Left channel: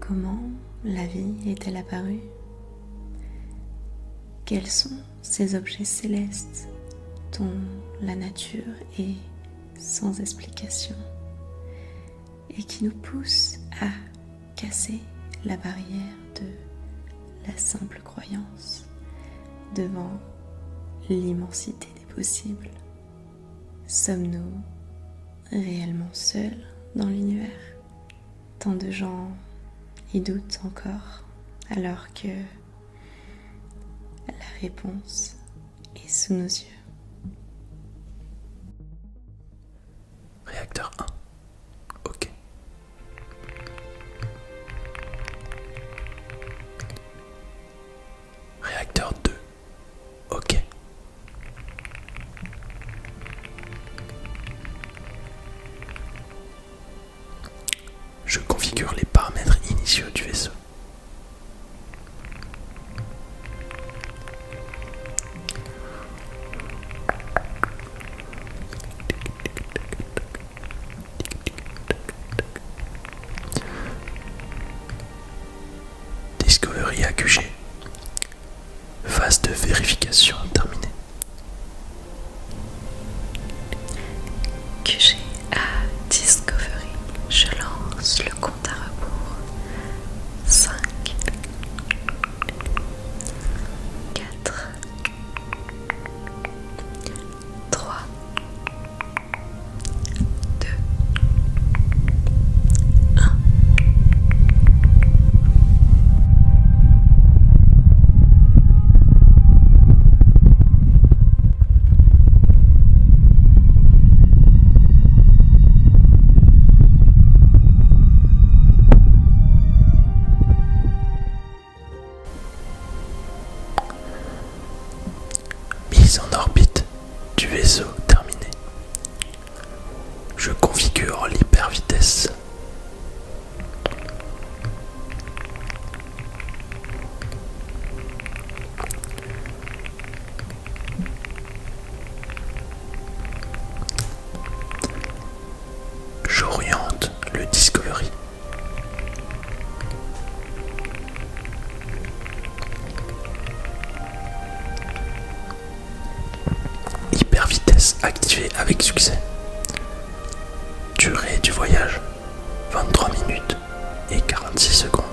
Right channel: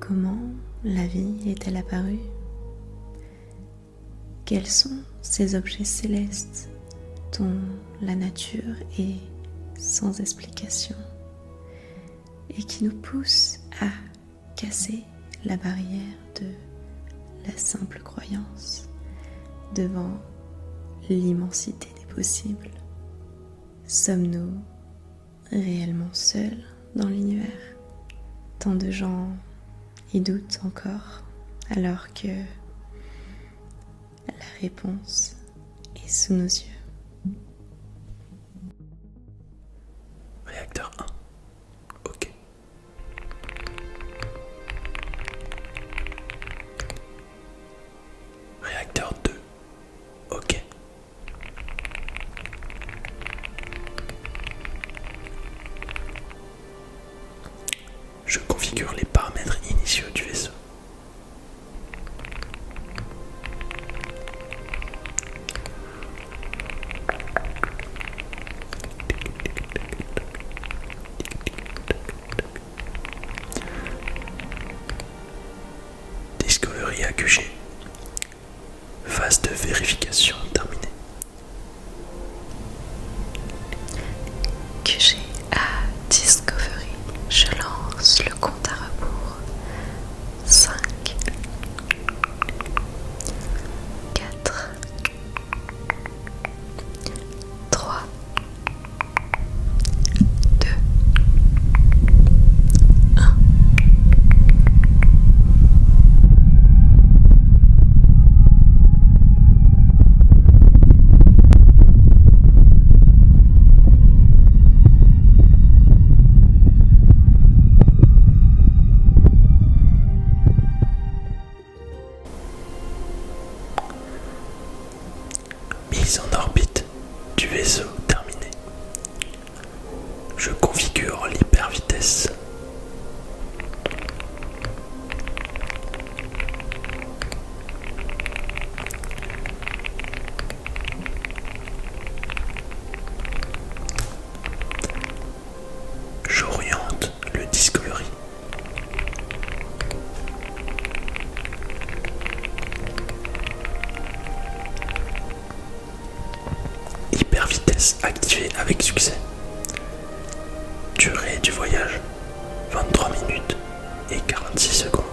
Comment la vie est-elle apparue? Quels sont ces objets célestes dont la nature est sans explication et qui nous poussent à casser la barrière de la simple croyance devant l'immensité des possibles? Sommes-nous réellement seuls dans l'univers? Tant de gens y doutent encore, alors que la réponse est sous nos yeux. Réacteur 1. OK. Réacteur 2. OK. Je configure les paramètres initiaux du vaisseau. Discovery AQG. Phase de vérification terminée. QG à Discovery, je lance le compte à rebours. 5, 4, 3, 2, 1. Mise en orbite du vaisseau terminée. Je configure l'hypervitesse. J'oriente le Discovery. Hypervitesse activée avec succès. Durée du voyage 23 minutes et 46 secondes.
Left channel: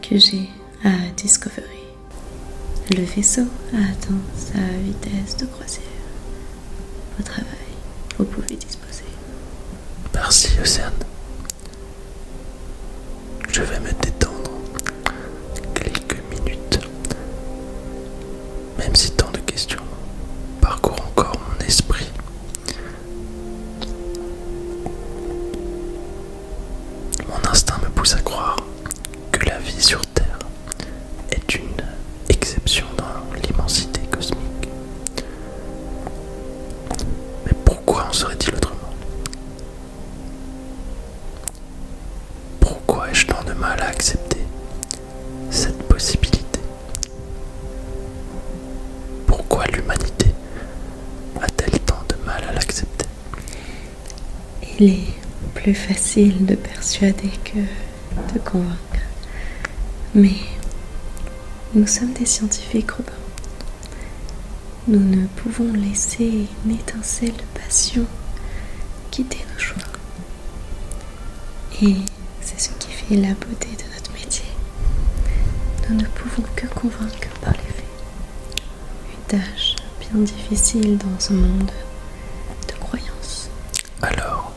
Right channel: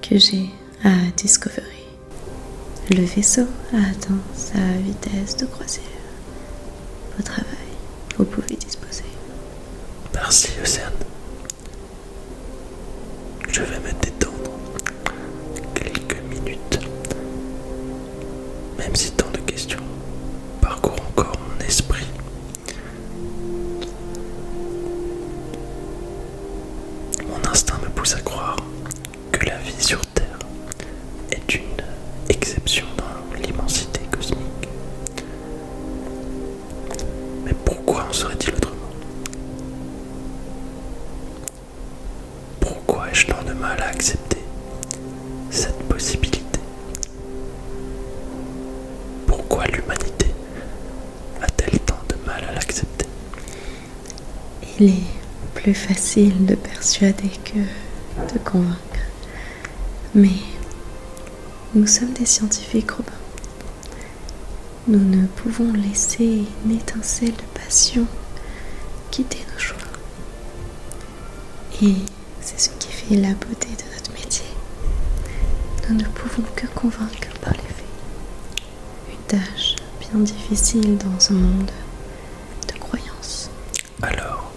QG à Discovery. Le vaisseau a atteint sa vitesse de croisière. Au travail, vous pouvez disposer. Merci Océane. Je vais me détendre quelques minutes. Même si tant de questions parcourent encore mon esprit. Mon instinct me pousse à croire que la vie sur Terre est une exception dans l'immensité cosmique. Mais pourquoi en serait-il autrement? Pourquoi ai-je tant de mal à accepter cette possibilité? Pourquoi l'humanité a-t-elle tant de mal à l'accepter? Il est plus facile de persuader que de convaincre. Mais nous sommes des scientifiques, Robin. Nous ne pouvons laisser une étincelle de passion guider nos choix. Et c'est ce qui fait la beauté de notre métier. Nous ne pouvons que convaincre par les faits. Une tâche bien bien difficile dans ce monde de croyances. Alors,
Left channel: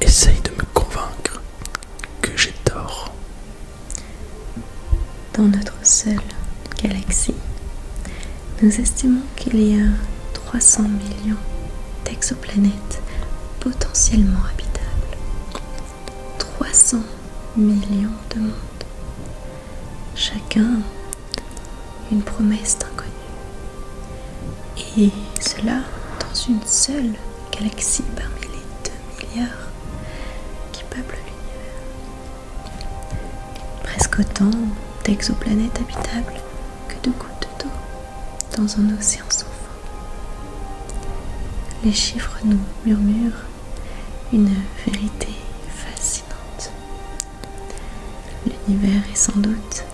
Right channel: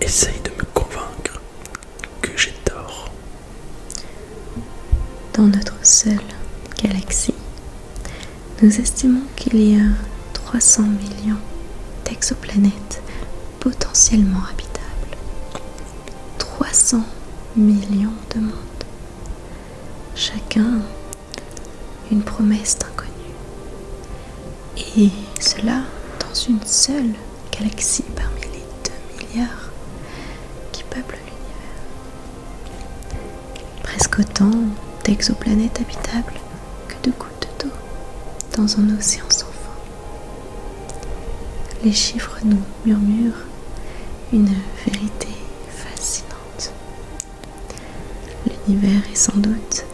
essaye de me convaincre que j'ai tort. Dans notre seule galaxie, nous estimons qu'il y a 300 millions d'exoplanètes potentiellement habitables. 300 millions de mondes. Chacun une promesse d'inconnu. Et cela dans une seule galaxie parmi les 2 milliards qui peuplent l'univers. Presque autant d'exoplanètes habitables que de gouttes d'eau dans un océan sans fin. Les chiffres nous murmurent une vérité fascinante. L'univers est sans doute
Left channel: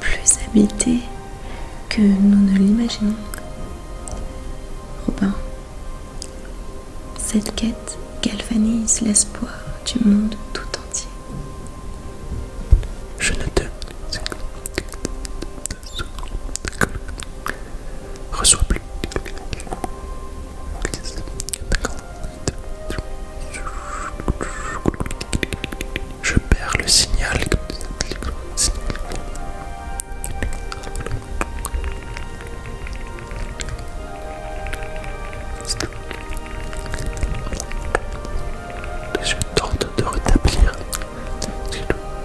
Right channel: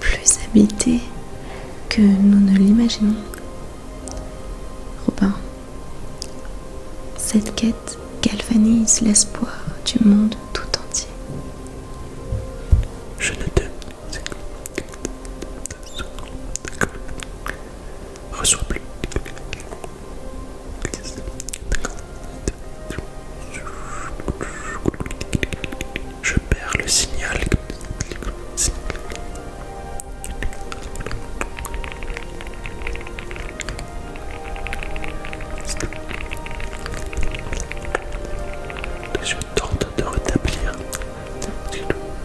plus habité que nous ne l'imaginons. Robin, cette quête galvanise l'espoir du monde tout entier. Je ne te reçois plus. Je perds le signal.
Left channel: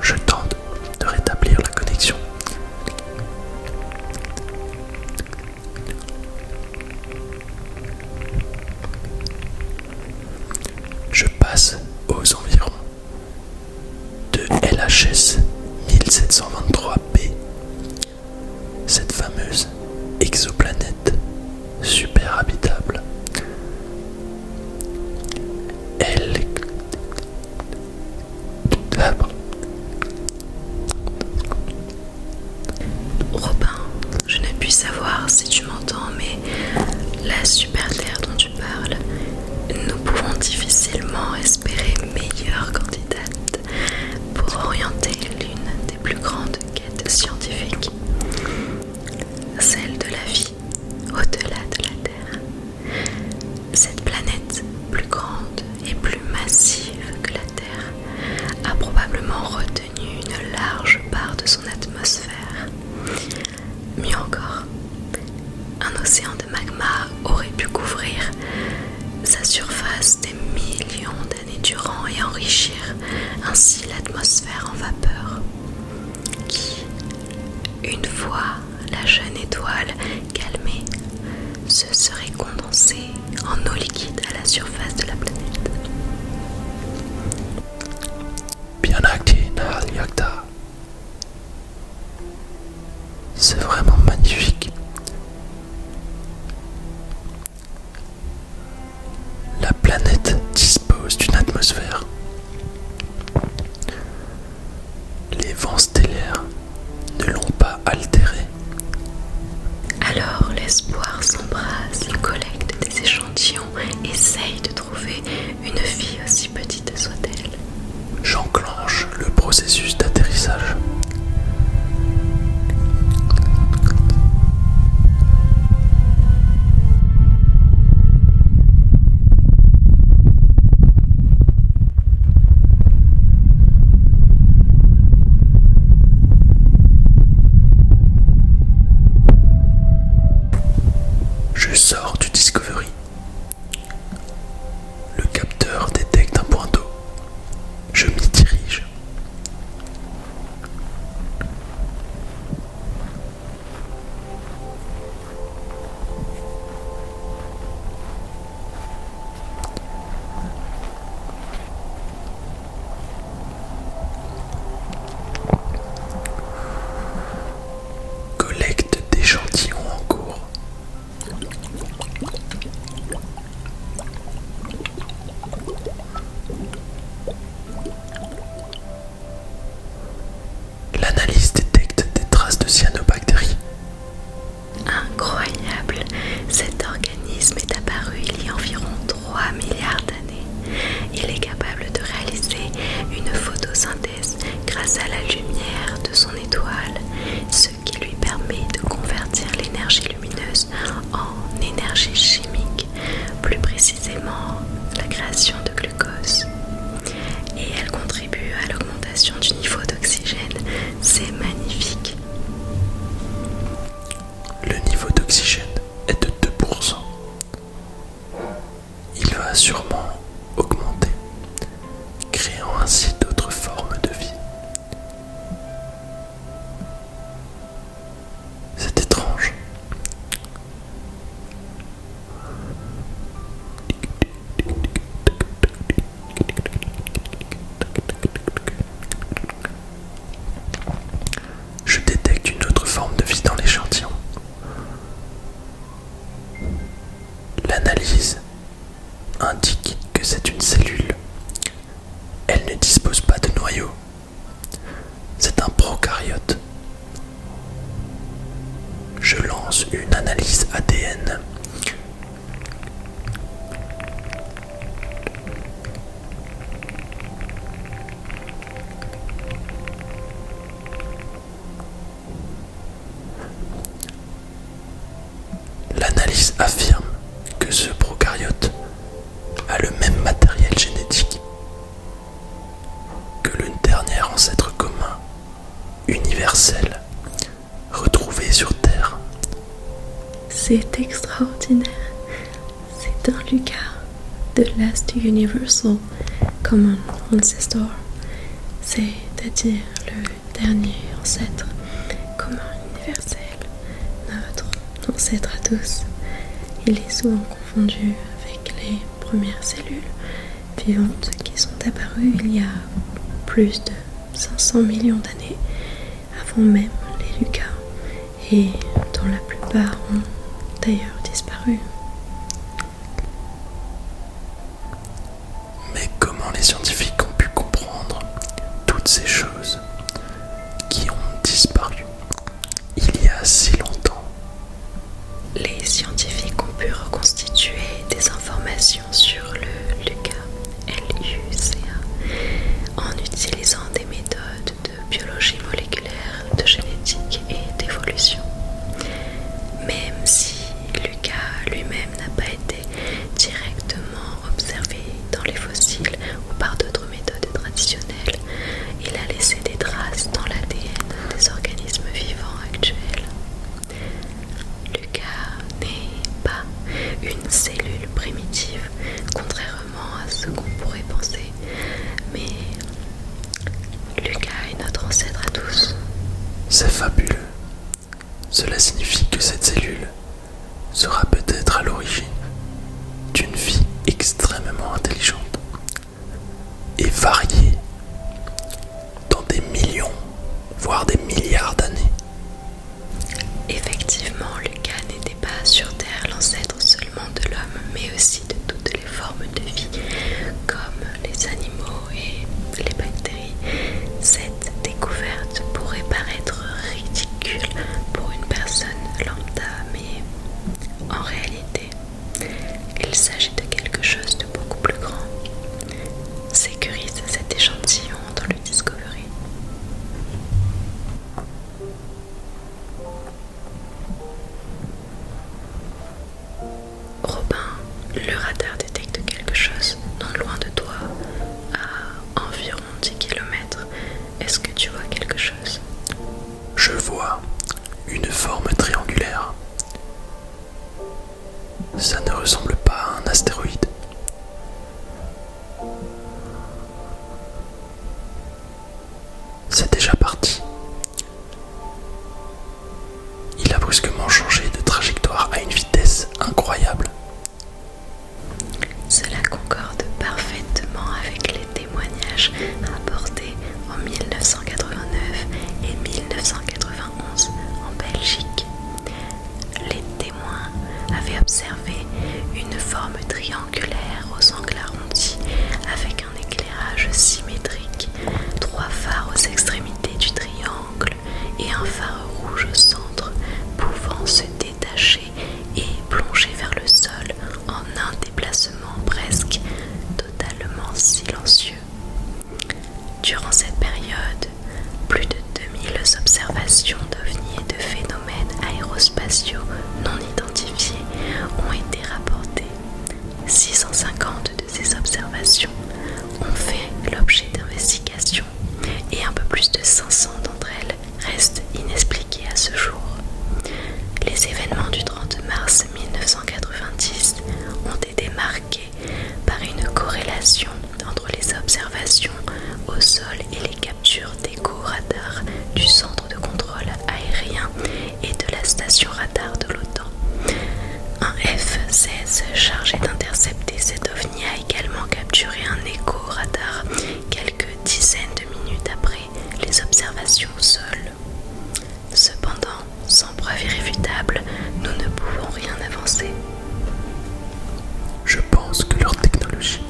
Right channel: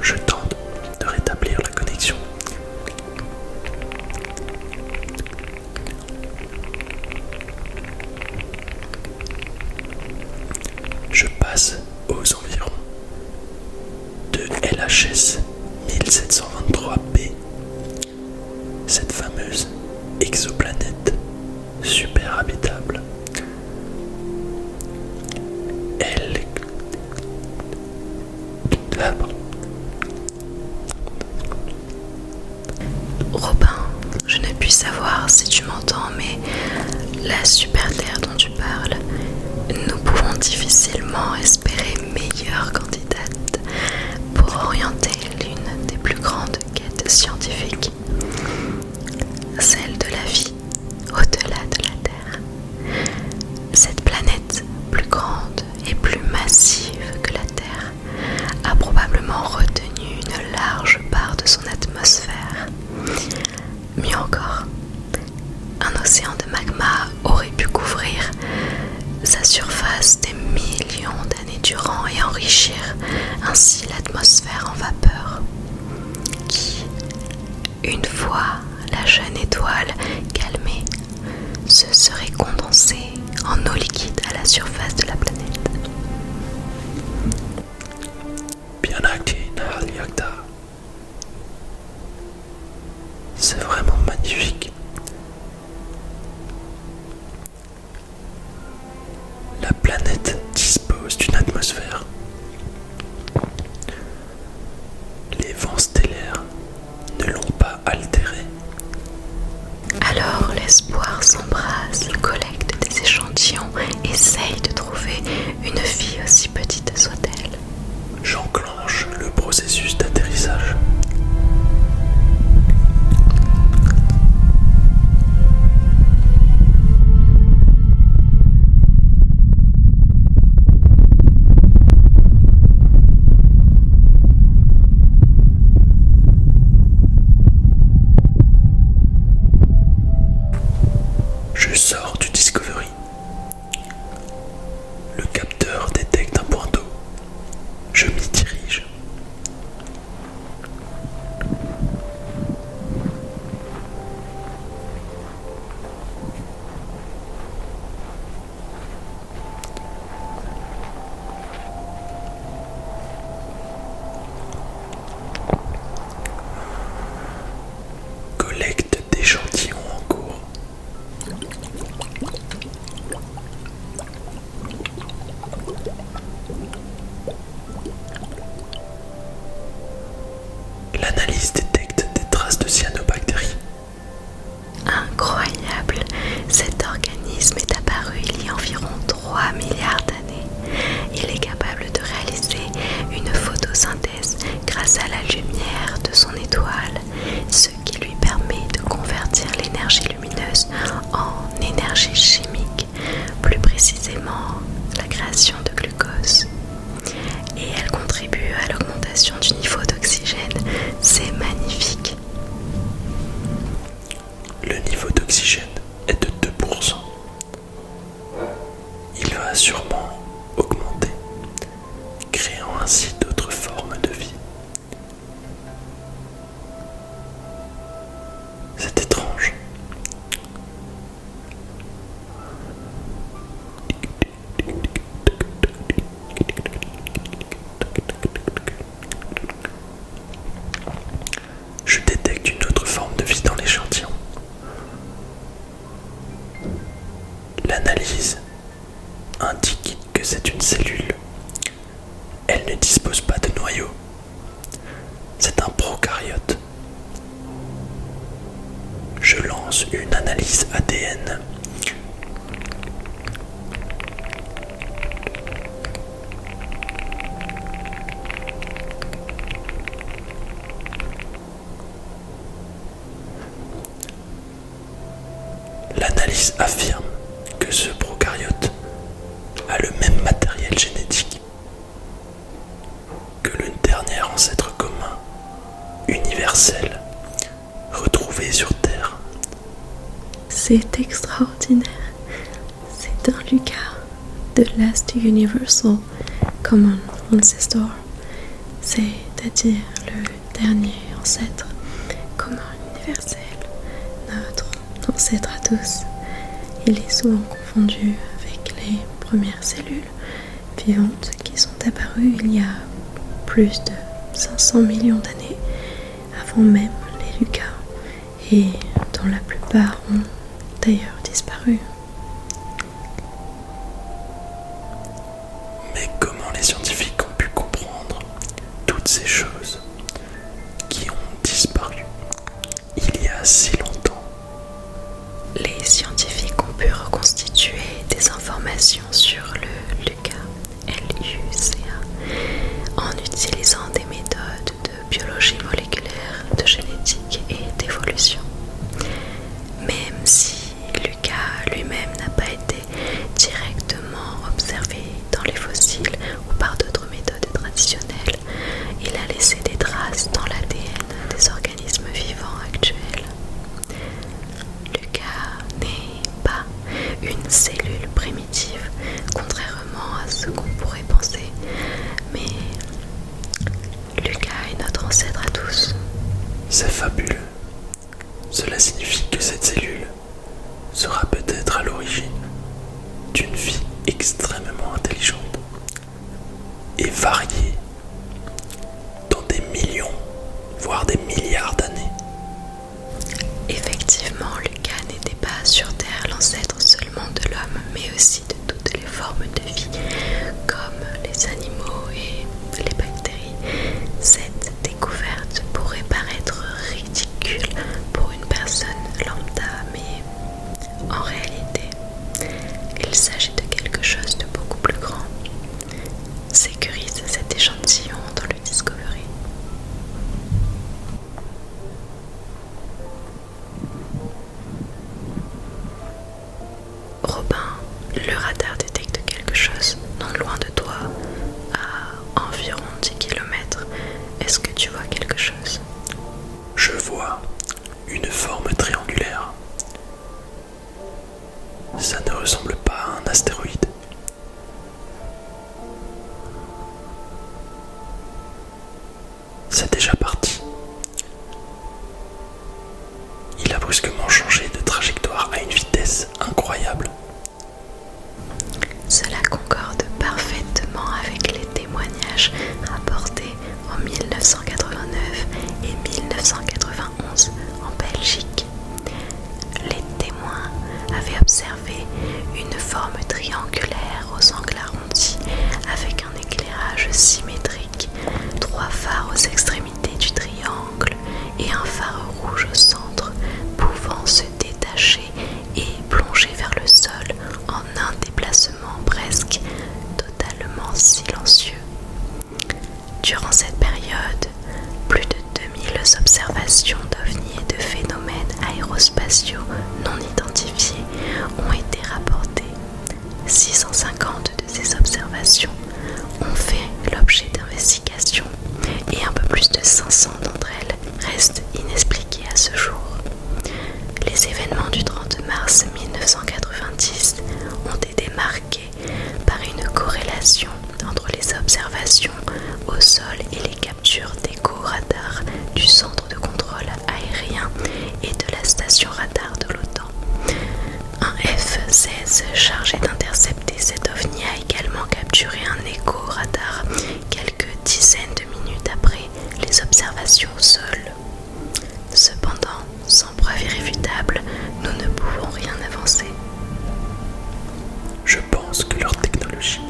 Je tente de rétablir la connexion. Je passe aux environs de LHS 1723b, cette fameuse exoplanète super habitable. Robin, je ne puis savoir si tu m'entends, mais la super Terre dont tu parles, nous pouvons difficilement espérer meilleure candidate pour orienter l'une des plus grandes quêtes scientifiques, celle de la vie au-delà de la Terre. Cette planète plus grande et plus massive que la Terre a probablement retenu une large part de son atmosphère. Mieux encore, un océan de magma aurait pu couvrir sa surface des millions d'années durant et enrichir ainsi l'atmosphère en vapeur qui, une fois la jeune étoile calmée, se serait condensée en eau liquide à la surface de la planète. Bianaki Nahalyakta. C'est vraiment magnifique. La planète dispose d'une atmosphère. Les vents stellaires ne l'ont pas altérée. Alors l'espoir s'embrase, il collecte des échantillons, essaye de trouver une vie aussi petite soit-elle. J'enclenche le processus d'atterrissage. Je sors du Discovery. Le capteur détecte un point d'eau. Je m'y dirige. d'oxygène est de 2%. Il va sûrement augmenter, créant ainsi d'autres formes de vie. C'est étrange. Je détecte une autre forme de vie dans l'échantillon. L'analyse indique que c'est une cellule. Elle ne dispose pas de noyau. C'est un prokaryote. Je lance une analyse ADN. L'analyse affirme que ce prokaryote a le même matériel génétique que le dernier ancêtre commun, universel, retrouvé sur Terre. C'est extraordinaire. C'est un Lucas, the last universal common ancestor, c'est-à-dire le dernier ancêtre commun universel, notre ancêtre à tous. Il est souvent confondu avec les premières cellules vivantes qui sont apparues il y a plus de 500 millions d'années, avant même les Lucas, et dont la plupart ont d'ailleurs disparu. Mais comment les scientifiques ont pu comprendre toutes ces choses qui ont disparu il y a si longtemps? Les scientifiques ont pu reconstituer des informations sur le Lucas, LUCA, en utilisant des méthodes de biologie moléculaire, de génétique et d'évolution. Même si Lucas lui-même n'a pas été directement observé dans les fossiles ou par d'autres méthodes traditionnelles, il a laissé des traces dans l'ADN des organismes vivants actuels. Lucas n'est pas une cellule primitive, contrairement à ce qu'on pourrait penser, mais Lucas est notre ancêtre à tous. C'est fabuleux. Cela signifie que cette cellule sera peut-être à l'origine d'une vie extrêmement intelligente et variée dans des millions, voire des milliards d'années. Effectivement, Lucas n'était pas sur Terre l'ancêtre seulement de l'homme, mais aussi de toutes les formes de vie, comme les animaux et les bactéries. Cette découverte pourrait paraître ridicule pour une personne lambda, mais en réalité, il s'agit de quelque chose de beaucoup plus grand. Sécurise cet échantillon dans le Discovery. Robin, le radar détecte quelque chose non loin de toi, à environ 10 km. Est-ce que tu vois quelque chose? Je vois une forme triangulaire. Ça ne ressemble pas à un astéroïde. C'est déjà parti. Il a brusquement changé de trajectoire à une vitesse incroyable. Cela concorde parfaitement avec les témoignages rapportés en 1989 et 1991 en Belgique. Les témoins avaient observé une forme triangulaire aux angles arrondis avec un éclairage symétrique, 3 phares aux extrémités du triangle et un phare rouge au centre, pouvant se détacher et plonger vers le sol en un déplacement presque totalement silencieux. Durant cette période, plus de 2000 observations d'ovnis et de phénomènes aérospatiaux non identifiés ont été rapportées. 650 de ces observations ont fait l'objet d'investigations et un peu plus de 500 d'entre elles restent inexpliquées à ce jour. Les événements du 30 de mars 1990 ont été marquées par une corrélation entre les observations au sol et les captures d'échos radars du centre de contrôle aérien et de la station radar de l'OTAN. Un F-16 chargé d'intercepter cet ovni a également capturé un écho radar quelques dizaines de minutes après les observations au sol. Cependant, sans preuve irréfutable, nous ne pouvons rien avancer. Je pense que leur technologie,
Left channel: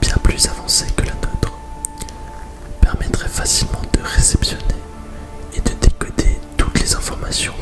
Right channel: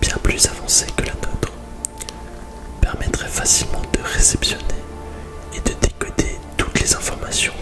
bien plus avancée que la nôtre, permettrait facilement de réceptionner et de décoder toutes les informations